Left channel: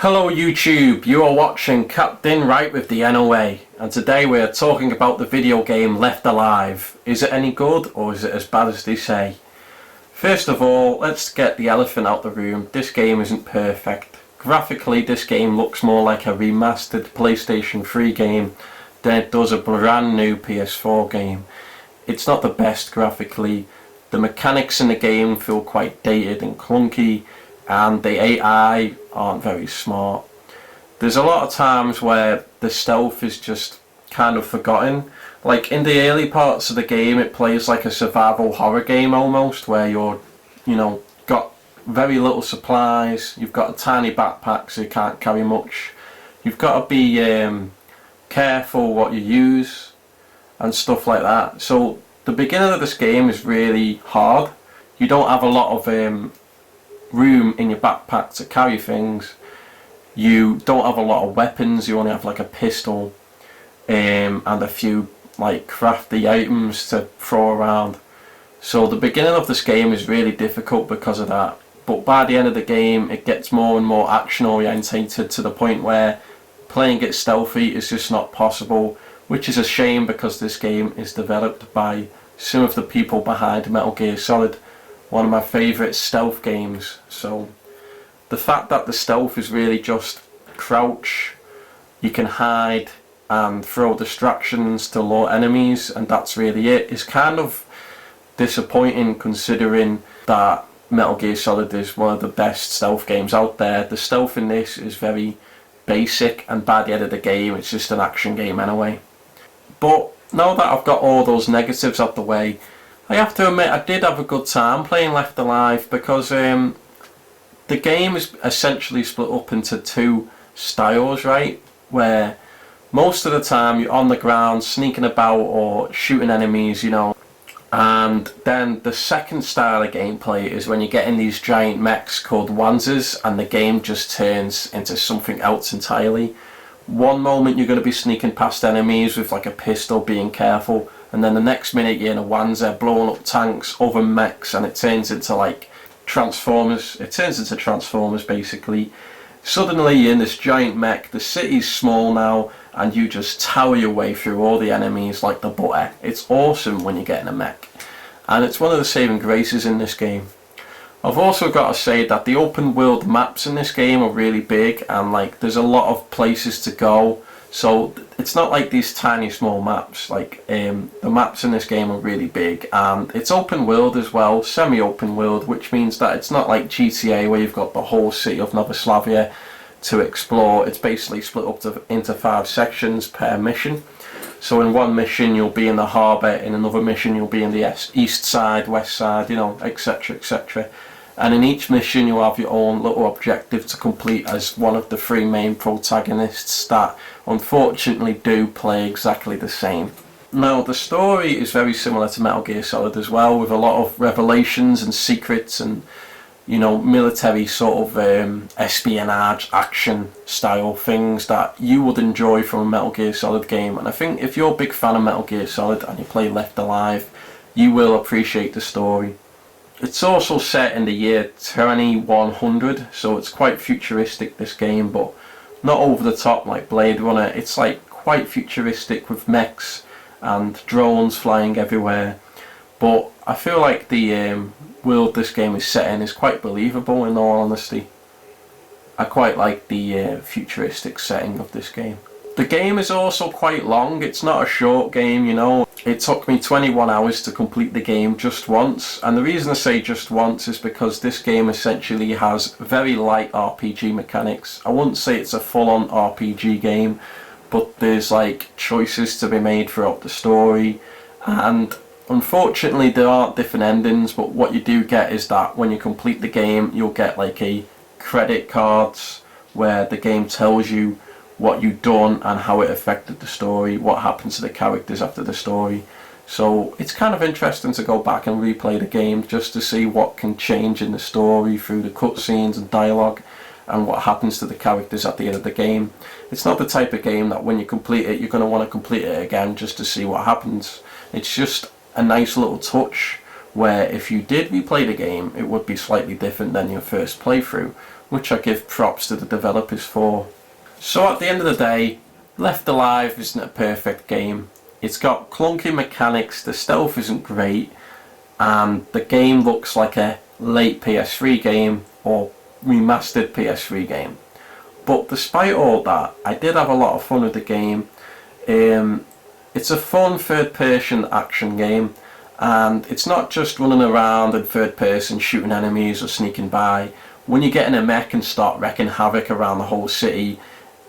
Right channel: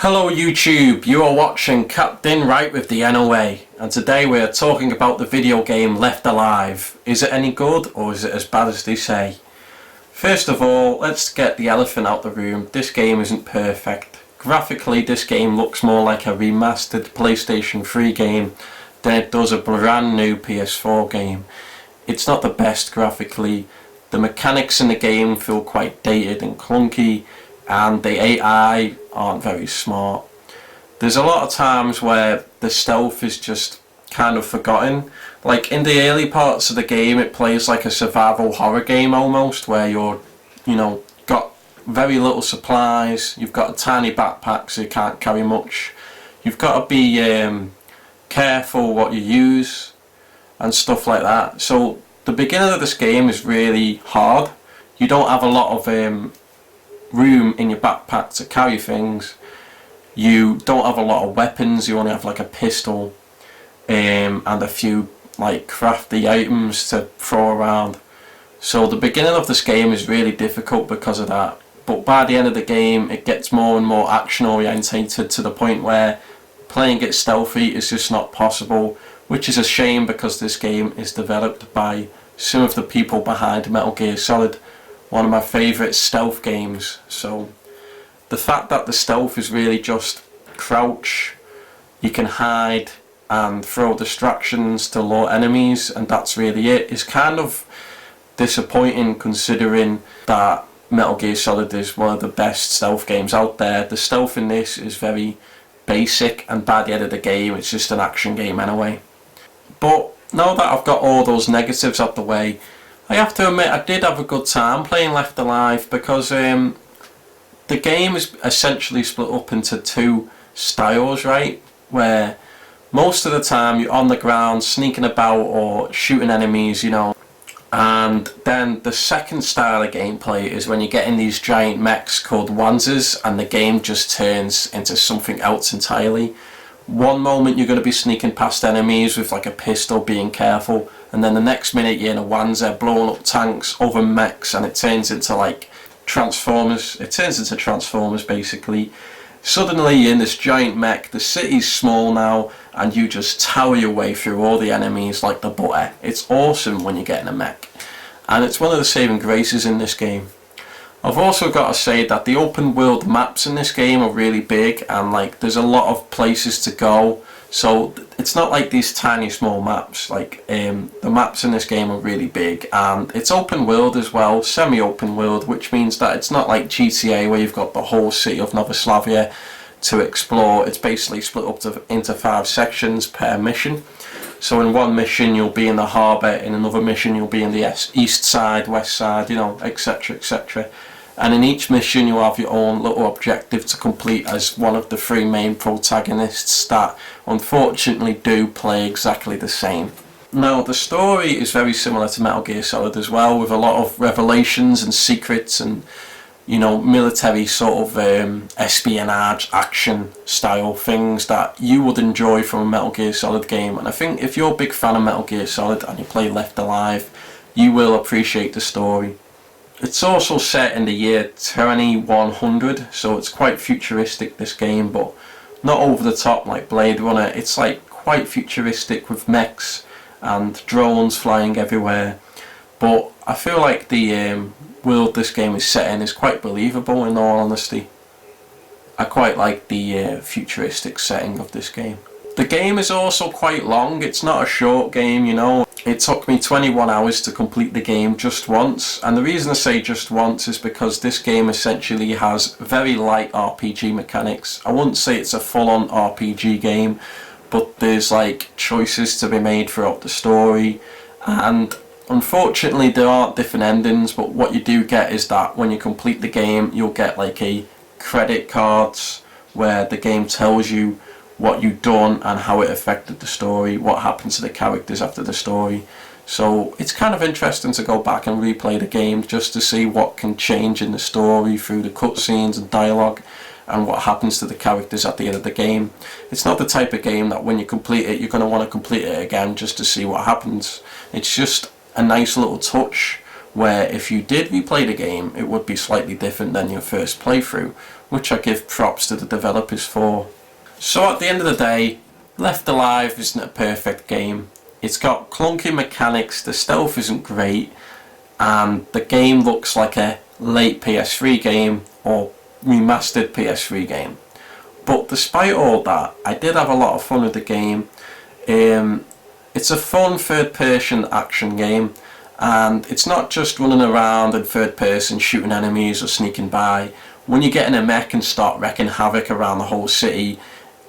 Hello YouTube, you are watching Captain Right with the NOA, and today we are talking about the video game Left Alive. Is it any good or is it as bad as they say? First of all, let's get the elephant out the room. This game isn't perfect. Graphically, this game looks more like a remastered PlayStation 3 game than it does a brand new PS4 game. It's not the best graphically. The mechanics in the game feel quite dated and clunky, and the AI aren't very smart. There's a lot of times where the stealth is just kind of forgotten. Like in the early parts of the game, it plays like a survival horror game almost, where you're, got very little supplies, you've got a tiny backpack so you can't carry much. You've got to be careful what you use and stuff like that. So the beginning of this game is really hard. You don't have a lot of room in your backpack to carry things. You don't have a lot of weapons. You only have like a pistol and a few like crafty items to throw around. So the beginning of this game is really difficult because of that, but by the end of the game it gets more and more action orientated to the point where playing it stealthy is just not possible, which is a shame because this game is developed by some of the people behind Metal Gear Solid, one of my favourite stealth games. So the fact that the stealth is really just crouch, you can hide and throw distractions to lure enemies, and that's really it, is kind of disappointing considering that Metal Gear Solid is one of the best stealth games out there. The stealth in this is very basic, and by the end of the game it's just an action game anyway. But now that I've got all those negatives out the way, I have to admit I did have a good time playing Left Alive, because the game is essentially split up into two styles, right? Where most of the time you're on the ground sneaking about or shooting enemies, and then the second style of gameplay is when you get in these giant mechs called Wanzers and the game just turns into something else entirely. One moment you're going to be sneaking past enemies with like a pistol, being careful, and then the next minute you're in a Wanzer blowing up tanks, other mechs, and it turns into like Transformers. It turns into Transformers basically. Suddenly you're in this giant mech, the city's small now, and you just tower your way through all the enemies like the butter. It's awesome when you get in a mech, and it's one of the saving graces in this game. I've also got to say that the open world maps in this game are really big, and like there's a lot of places to go, so it's not like these tiny small maps. Like the maps in this game are really big, and it's open world as well, semi-open world, which means that it's not like GTA where you've got the whole city of Yugoslavia to explore. It's basically split up into 5 sections per mission. So in one mission you'll be in the harbour, in another mission you'll be in the east side, west side, etc, etc. And in each mission you have your own little objective to complete as one of the 3 main protagonists that unfortunately do play exactly the same. Now the story is very similar to Metal Gear Solid as well, with a lot of revelations and secrets and military sort of espionage action style things that you would enjoy from a Metal Gear Solid game. And I think if you're a big fan of Metal Gear Solid and you play Left Alive, you will appreciate the story. It's also set in the year 2100, so it's quite futuristic, this game, but not over the top like Blade Runner. It's like quite futuristic with mechs and drones flying everywhere, but I feel like the world this game is set in is quite believable, in all honesty. I quite like the futuristic setting of this game. The game is also quite long. It's not a short game, It took me 21 hours to complete the game just once, and the reason I say just once is because this game essentially has very light RPG mechanics. I wouldn't say it's a full-on RPG game, but there's like choices to be made throughout the story, and unfortunately there aren't different endings, but what you do get is that when you complete the game you'll get like a credit cards where the game tells you what you've done and how it affected the story, what happened to the characters after the story. So it's kind of interesting to go back and replay the game just to see what can change in the story through the cutscenes and dialogue, and what happens to the characters at the end of the game. It's not the type of game that when you complete it you're going to want to complete it again just to see what happens. It's just a nice little touch where if you did replay the game it would be slightly different than your first playthrough, which I give props to the developers for. So at the end of the day, Left Alive isn't a perfect game. It's got clunky mechanics, the stealth isn't great, and the game looks like a late PS3 game or remastered PS3 game. But despite all that, I did have a lot of fun with the game. It's a fun third person action game, and it's not just running around in third person shooting enemies or sneaking by. When you get in a mech and start wreaking havoc around the whole city,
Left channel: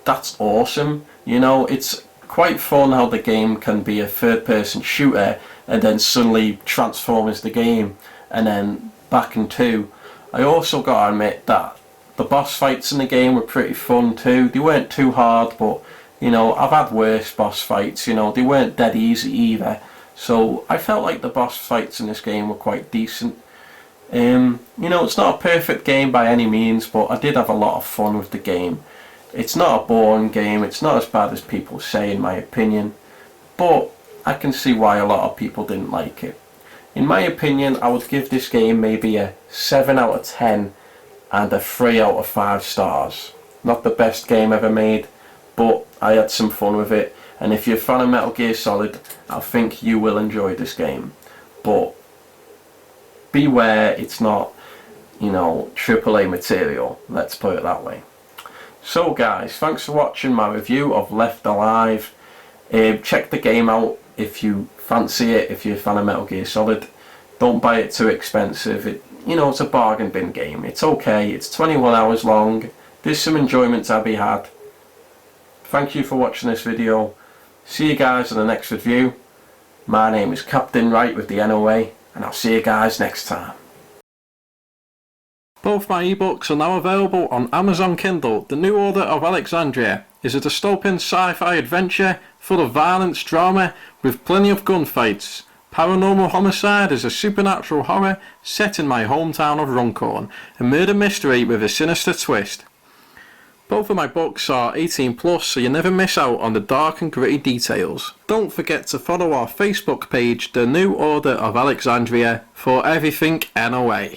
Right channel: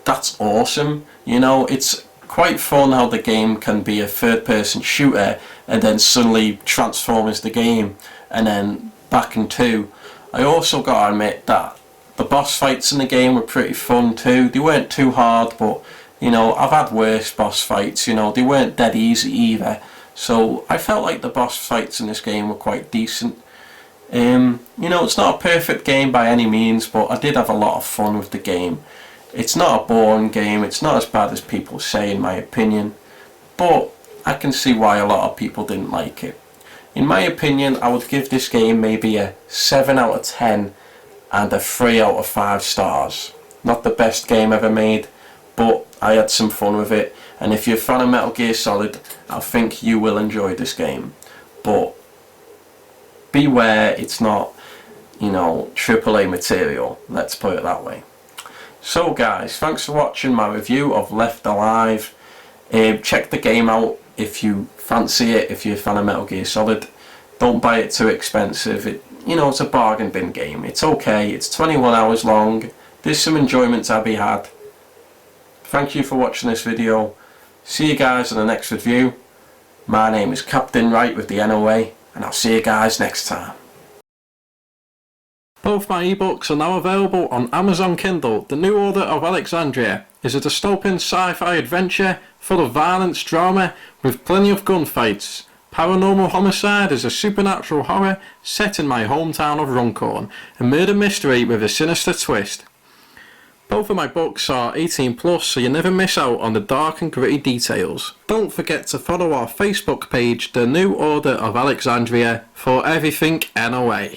that's awesome. You know, it's quite fun how the game can be a third person shooter and then suddenly transform as the game and then back in two. I also gotta admit that the boss fights in the game were pretty fun too. They weren't too hard, but you know, I've had worse boss fights, you know, they weren't dead easy either. So I felt like the boss fights in this game were quite decent. You know, it's not a perfect game by any means, but I did have a lot of fun with the game. It's not a boring game, it's not as bad as people say in my opinion, but I can see why a lot of people didn't like it. In my opinion, I would give this game maybe a 7 out of 10 and a 3 out of 5 stars. Not the best game ever made, but I had some fun with it, and if you're a fan of Metal Gear Solid, I think you will enjoy this game. But beware, it's not, you know, AAA material, let's put it that way. So guys, thanks for watching my review of Left Alive. Check the game out if you fancy it, if you're a fan of Metal Gear Solid. Don't buy it too expensive. You know, it's a bargain bin game. It's okay, it's 21 hours long. There's some enjoyment to be had. Thank you for watching this video. See you guys in the next review. My name is Captain Wright with the NOA, and I'll see you guys next time. Both my ebooks are now available on Amazon Kindle. The New Order of Alexandria is a dystopian sci-fi adventure full of violence, drama, with plenty of gunfights. Paranormal Homicide is a supernatural horror set in my hometown of Runcorn, a murder mystery with a sinister twist. Both of my books are 18+, so you never miss out on the dark and gritty details. Don't forget to follow our Facebook page, The New Order of Alexandria, for everything NOA.